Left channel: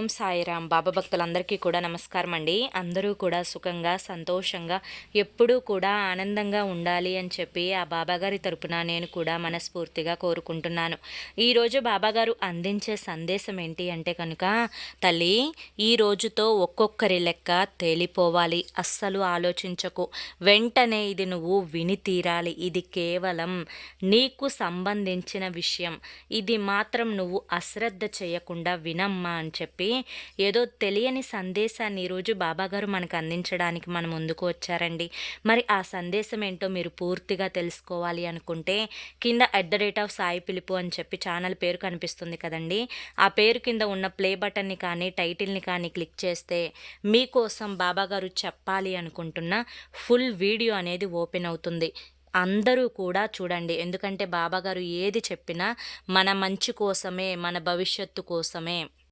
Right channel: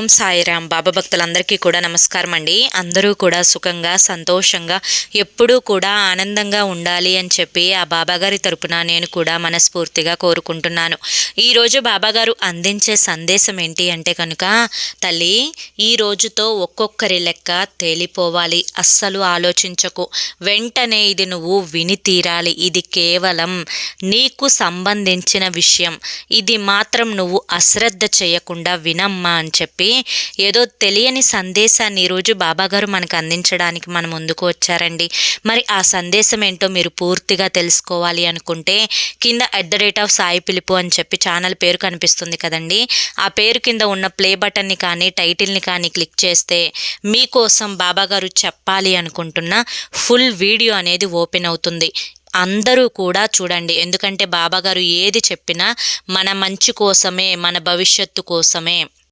ఓం సాయిరామ్. బాబా భక్తులందరికీ కూడా నమస్కారం అండి. అందరూ కూడా సుఖంగా సంతోషంగా ఎప్పుడూ కూడా ఆనందంగా ఉండాలి అని చెప్పి ఆ బాబాగారి తరపున నేను కూడా మనస్ఫూర్తిగా కోరుకుంటున్నాను. ఈరోజు బాబాగారు అందించే సందేశం ఏంటి అంటే కనుక, తల్లి ఈ రోజుతో ఒక్కొక్కరి లెక్క తేలిపోవాలి, అస్సలు ఆలోచించకు, వెంటనే ఇది నువ్వు విని తీరాలి, ఇది కేవలం నీకు సంబంధించిన విషయం, ఇది మాత్రం నువ్వు అశ్రద్ధ చేయకుండా వినమ్మా అని చెప్పి ఏదో తెలియని సందేశాన్ని ఈరోజు బాబాగారు మనకు అందించడానికి మన ముందుకు వచ్చారండి. మరి ఆ సందేశం ఏంటో మీరు పూర్తిగా తెలుసుకోవాలి అనుకుంటే కింద @సాయి పిలుపు అని చెప్పి ఛానల్ పేరు కనిపిస్తుంది కదండి, ఆ పేరు కింద ఉన్న ప్లే బటన్ని కానీ టైటిల్ని కానీ క్లిక్ చేస్తే మీకోసం బాబాగారు చెప్పాలి అనుకుంటున్న ఫుల్ వీడియో అనేది ఓపెన్ అవుతుంది. అందరూ కూడా చూడండి, ఎందుకంటే బాబాగారు ఏది చెప్పినా మన మంచి కోసమే, మన భవిష్యత్తు కోసమే.